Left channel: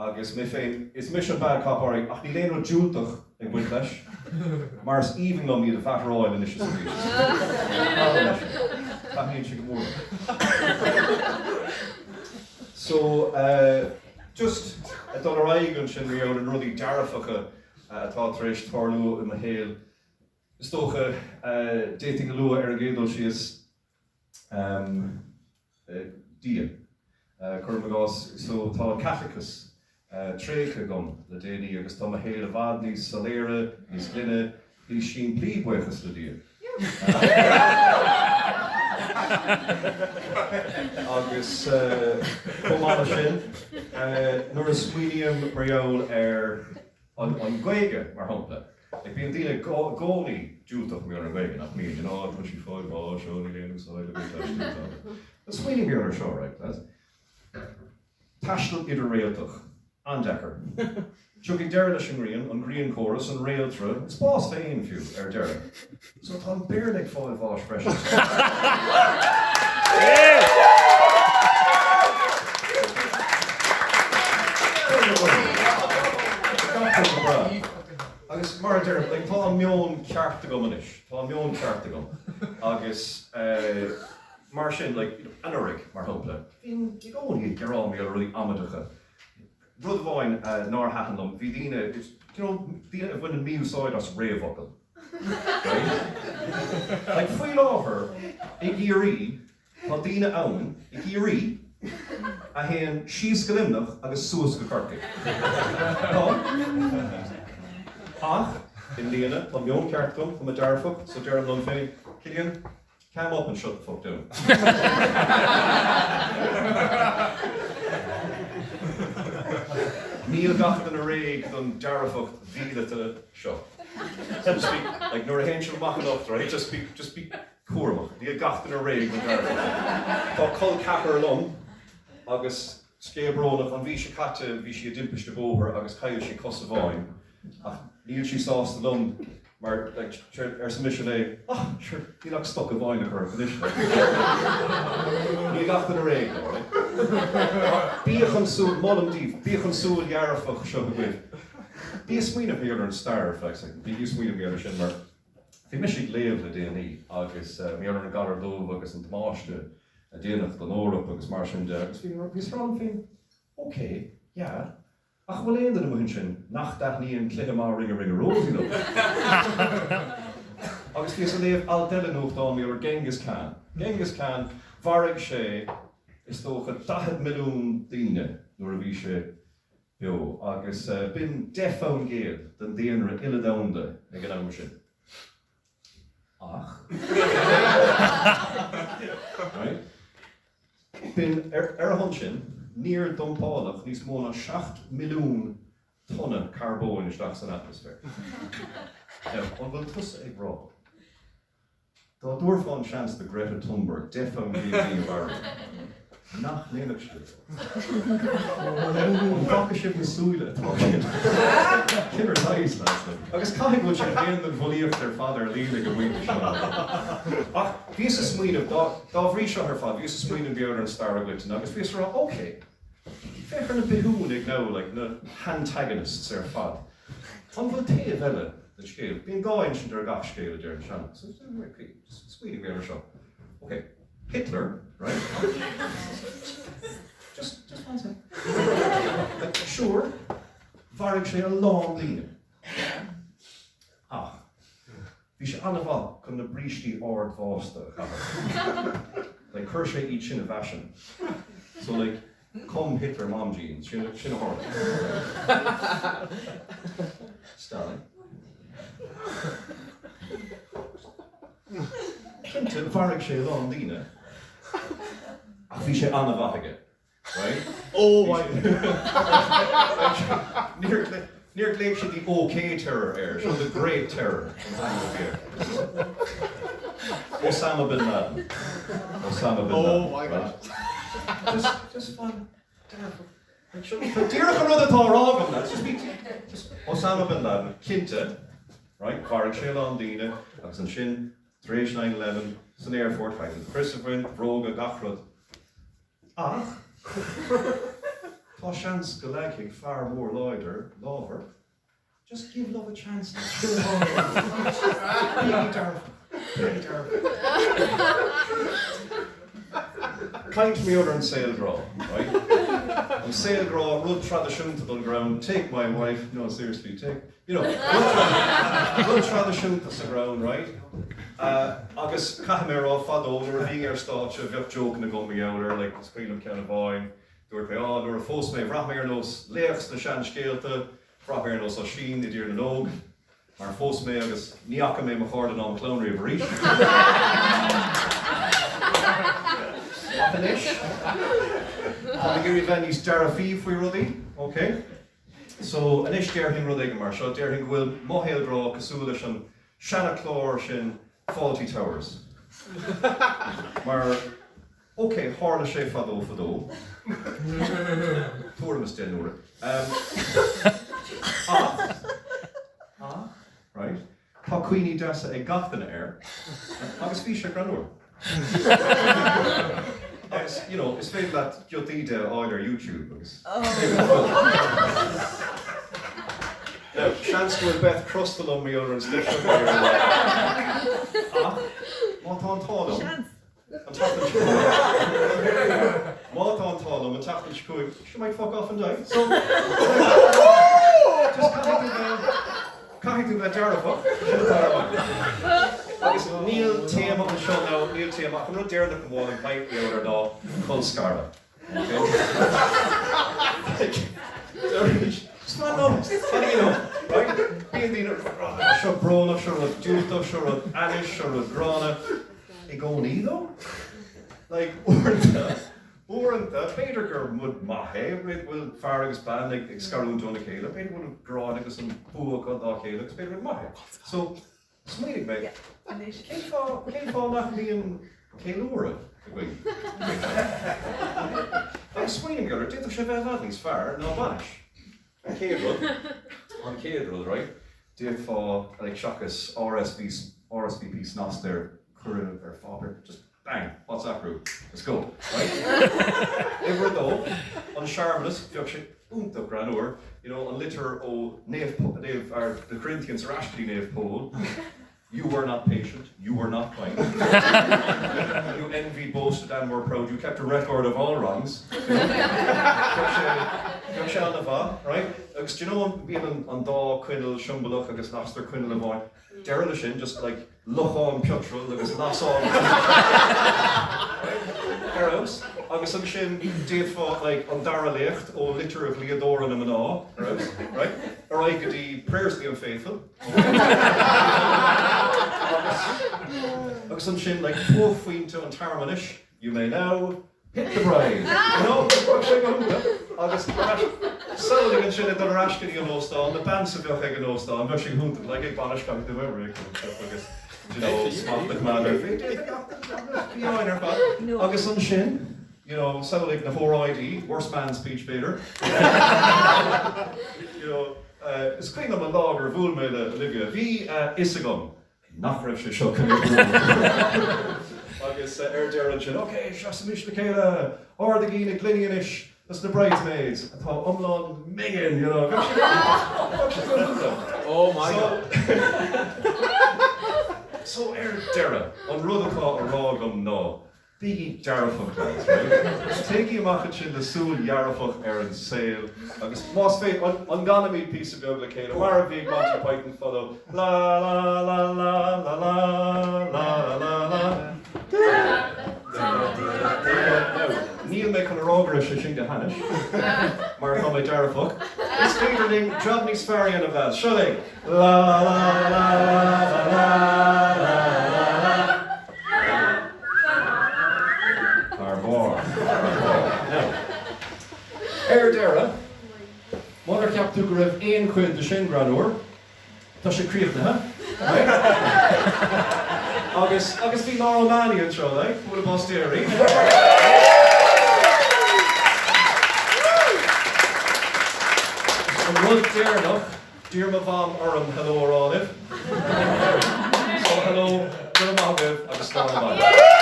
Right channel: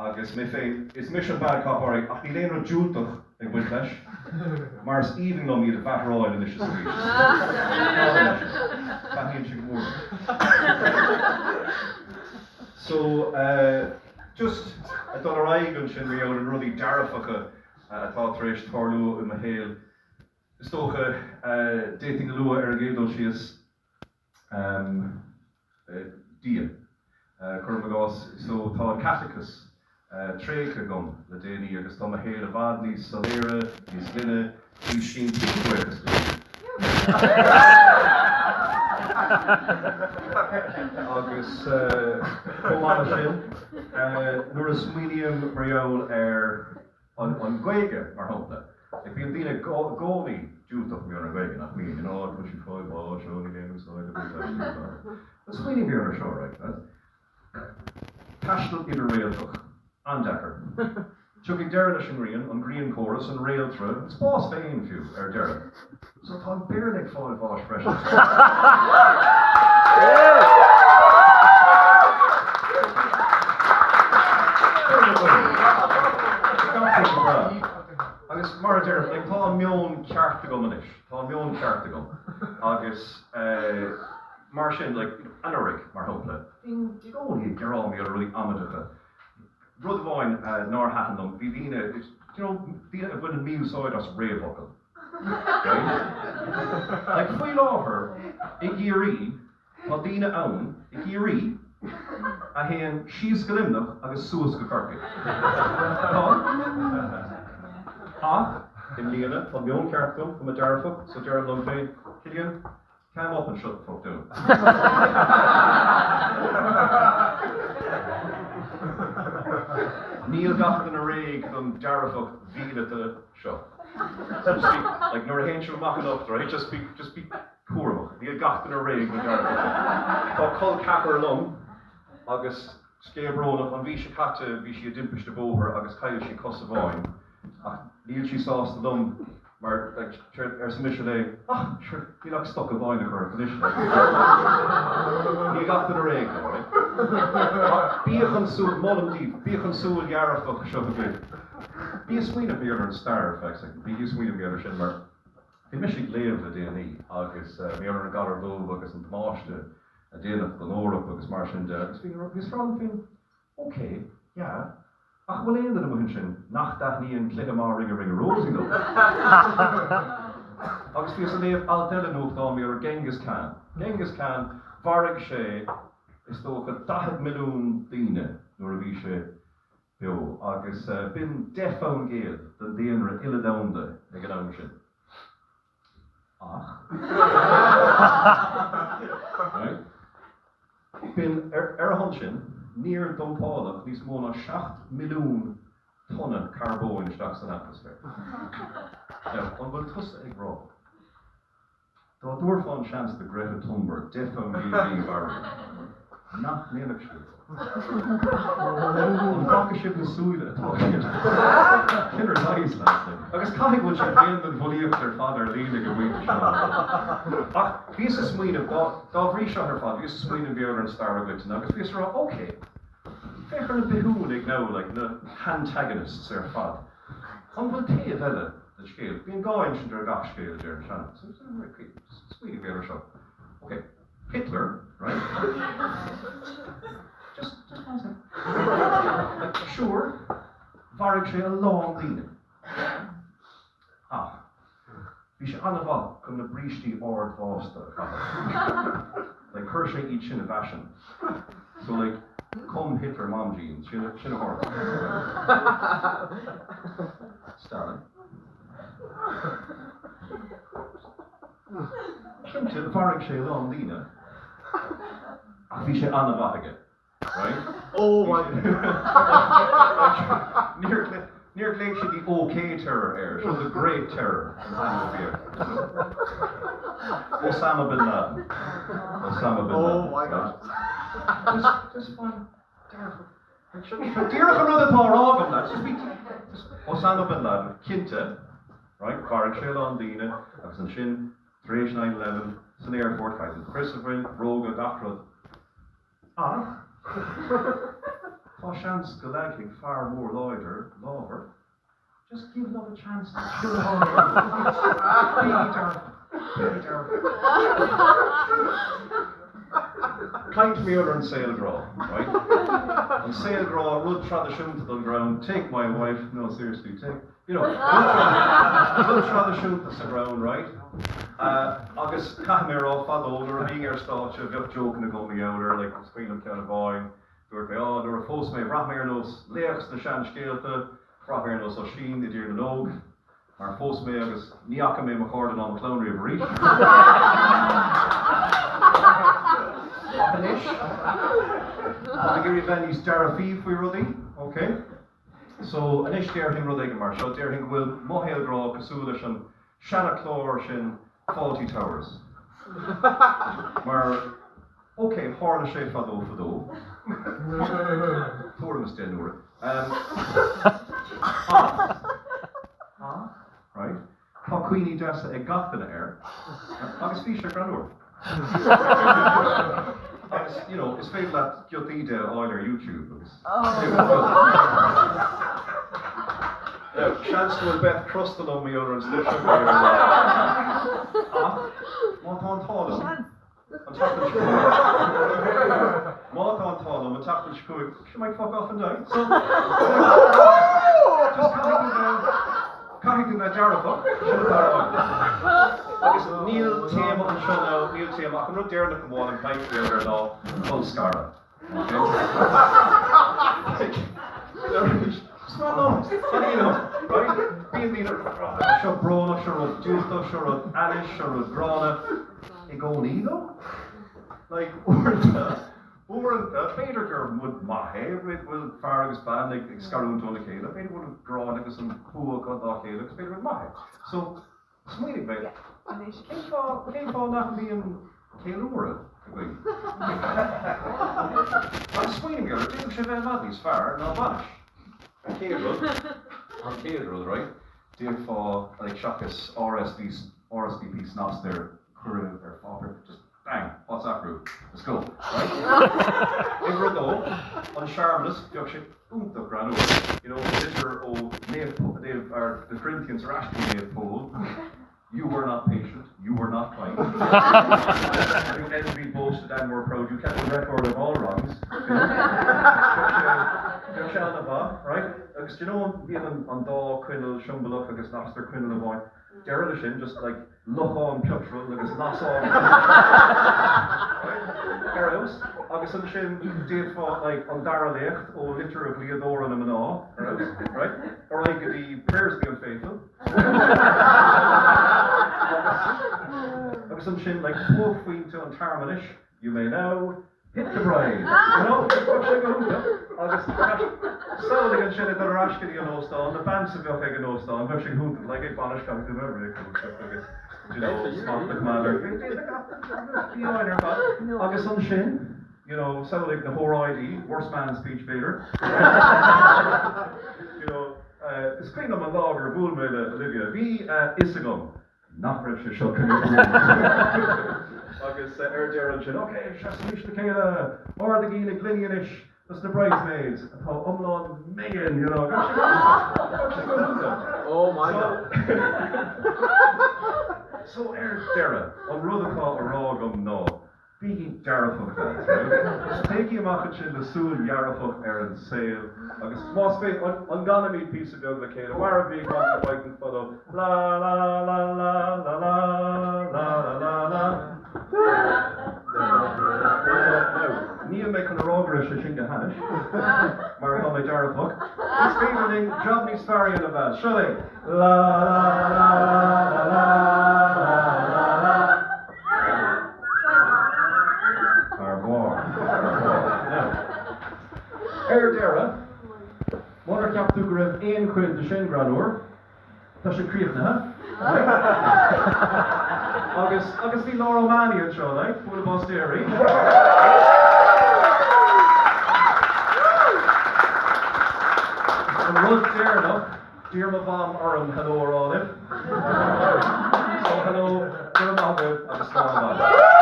agus mé féin is mis bad capáí ach ní léon dúltach ag buint leis, mar is even go míad a bheithráil in is is Bethníonn si go mór. So, just a dul aigen sin rion an rudí dearfacha atá tar éis tarlú in a héal. Is tócha déting go lua ar a gédal si is dían. Chur magás so tá Catechus trécha gom le déanaí agus tá a héal a bhd níos saléire, níos glunne, níos sin bíbuchas le agus chomána sin nuair a smuoineam riol ar an Gaeilge mar hampla. Ag bíon daoine gcónaí dúltach mé an Gaeilge nach míon, tro sí fáil bá seo ní léanú sáil a bit leis. Tá smuoineam mé ar seo, right? Taistil idir réaltach, an dechar. Tuig deir leis an Greann chorus an réaltra, is bás féin fiú ar deir. So tá an beirnig fáil bháis freisin. Agus mar deir, tá an meon cearta go manis, tá an meon cearta go. Agus mar sin, anarig mar hopla. Bhín gcónaí garrán ar ruí amadacha. Rud bháin nár hathandom, bhí díine, díine a bhain an míúsáid as réamhacail. Right? Faoi láthair, I gcíorí, tá díine ann, I gcíorí, a héan síos go limnach agus suas go carcaigh. Ach, in líana, tá meon ceartúm, tá dearfach, so dear an féin, Cillian, come up and shut the fuck down. Níl gachar an a réig don dearfach víle to seo. So to speak, nor a henchel machán up, right? Just be cuamach. Níl gachar an a réig don dearfach. Tá col capar lom, agus scéabrónach an bhí sé caite, bhí sé dimpish de bóthar, agus caiil sé cos a bháin. Ach, níl sí sás the lom, maar sa mis le, sure, ní lag stoc a bháin a chu condition. Ní gachar a réig, right? Bíochan súil, molamdíh, bíochan súil gearafach seo a glyh. Bí a smuoine bhí ar an star, bí a smuoine bhí ar sin mar bhí mis siad léamh le déanaí, agus mé ar an galar dómh agus an tamáiste a déanamh go Eorpa agus mar sin de, agus bhí rán féin, oké, ja, ach bhfuil éon am sin nach daithníon clithe má ringe róí nó. Agus bhí san léamh aldelanúch dá mé ar Genghis Khan. Genghis Khan, bharraigh sé is tócha 10 milliún daoine nuair a bhí sé beo, agus bin defón géad den déanra ile damda ag an am sin. Ach. Right? Bin ar a hon sin, níor dompálach níos mó ná 7 milliún tonna carbón isteach san atmosfér. An bhfuil tusa ag rá. Tá dúir fáin seans de Greta Thunberg defón géad bharraigh. Nach néamach siad. An bhacha sibh na súile atá sin. Sin ar lais lásna. Agus caiigh bhfuil sé héan an bhfuilíocht ar fad ar lína go bhainte seo. Ach, bhí sa smuoineh dá bhrí seo ar fad, bhí sa smuoineh beag ar an star aglaigh agus bhí rá, oké. Féchar na beún ag ná, na antagonists ar fad. An bhfuil taobh eile na scéal. Bhíon gáin sin ar gach scéal ar an sean. So smuoineh beag ar seo. Okay. Hitler, right? just one second. Sure, bharraigh sé a long líne. Bhí sé anna bhall chun na brístí ard bhásta. Chuir sé iad sin a bheasin. So come Hitler mom jeans, sin a hard. Stalin. Cinnte bharraigh sé a long líne. Ach bhí sé anna bhaige, right? Oh my Níor léigh sé the OK terror air, so the great terror. Osama bin Laden. Oh my God. Just fine. Díreach an rud atá rágam na, just Osama bin Laden, cinnte, right? Bharraigh sé an líne, agus an sin, tar éis 9/11, san airport, Christopher, Róga, Gachrod. Ach, Tá seans go leigh far mór lábhar. Just give love a chance. Kind to me over in Saildraw, right? On Saildraw, rud tradiisiúnta ground, take my wife, no seriously, rud tradiisiúnta sa ground, right? Agus caithméar á fadóidir, bhíon stáitse, bheoh joke na gomí outer, like the Spailpín Fánach, dúirt nuair fós mé bhreathméar nos léachs na sean scéalta, bhreathméar nos ó sin, I dtír na nóg, mar fós mé agus níacha mé mo chóir an clónraí a bhríis. I'm going to give you Dara fee for your ruddy, okay? So, an ish derhing ruddy mar, so derhing will mohel draw Casula and Shanna Clor shin Faulty Towers. Mar, okay, Horna she fado. Tormus den nur. Right? Tá Queenie Dessa e gachtan air. Agus fi she granor. It's fake that Jotida on your YouTube. Chance to Beth crusted on me over and stitched up there. What on Tallum? What on Tallum and tackle Shpug. She might fuck off and die. So, just can't do that Jarafuck. Agus Neil Tame on the show now, Neil Tame, I can run there and wall and pipe there now, full scara. Small numbers, what do you know, right? Being the sure Brona, sure with Duta, sure with Anish, sure with Brona. They go neither? Like, Oranta, Peter would mahe, will Farragus band, like Scarroon on the Caleb, Peter would draw like some poor got the Caleb, Peter would mahe. So, smiling, mate. Came for not being Kailura. I'm smiling, girl. Did the Cheval Vadis far, not banish. And Caedril, right? Did for like Shakas, RSVP snas there, current or father. Just bang, what's that group? Let's go, right? Ever though, on Charmeless, Yoksha, the Granor, the litter o Nave, or the Corinthians are actually Nave Pole. You were not patient, you were not kind. You envied, boasted, and were proud. You kept a record of all wrongs. Right? Because do you know being on Daw, Quinnell, Shumbaluk, agus Naster, Quinnell, and Boy, Derelish just like loch on Petrol, agus Nass on. Eros, agus an sin did fought like on Dara Lecht, or litter of Leodora and Mana, right? Or I could be prayers be unfaithful. Agus an sin like poor fwyn to an Tarmanish, you may now hit the bride. Agus selling and shit at the Rashkin and Ostan, the bands of your head and Ostan, rushing hunted like a banish coming to memory. Smart the commander. Agus an sin. Sound like the whole ID, worst man speech beater. It's kind of a log or vool made Olivia. V Isagum. Not for a shock. Agus Gerald said, okay, Shasamish Michaela, or the Gina Glinianish, that's the bridesmaids. I thought, Megan, Oh my God. So Dara, on Rudaka or Rogum no. Biggie Jarafuk class, right? Take him off in the Soul Yarafuk Aaron Sale. Agus was fate on gonna meet piece of Gogla Kate, where a big bunch of white and follow la la la la la la la la la. Neil make on a rogerish a shinga hanish. Mar my Jarafuk. This featuring Drobney's Ferry in a vase. Shully. La la la la la. Dara, Mother Cap to grab Ian Quinn the Shin Granor, Tasha Creek, right? August be Laurel Manny and show, like, what about Stary? Rud dear enough, dear Mavam Urim, hello, Olive. So, hello, dear Maviv, August Laurel Manny.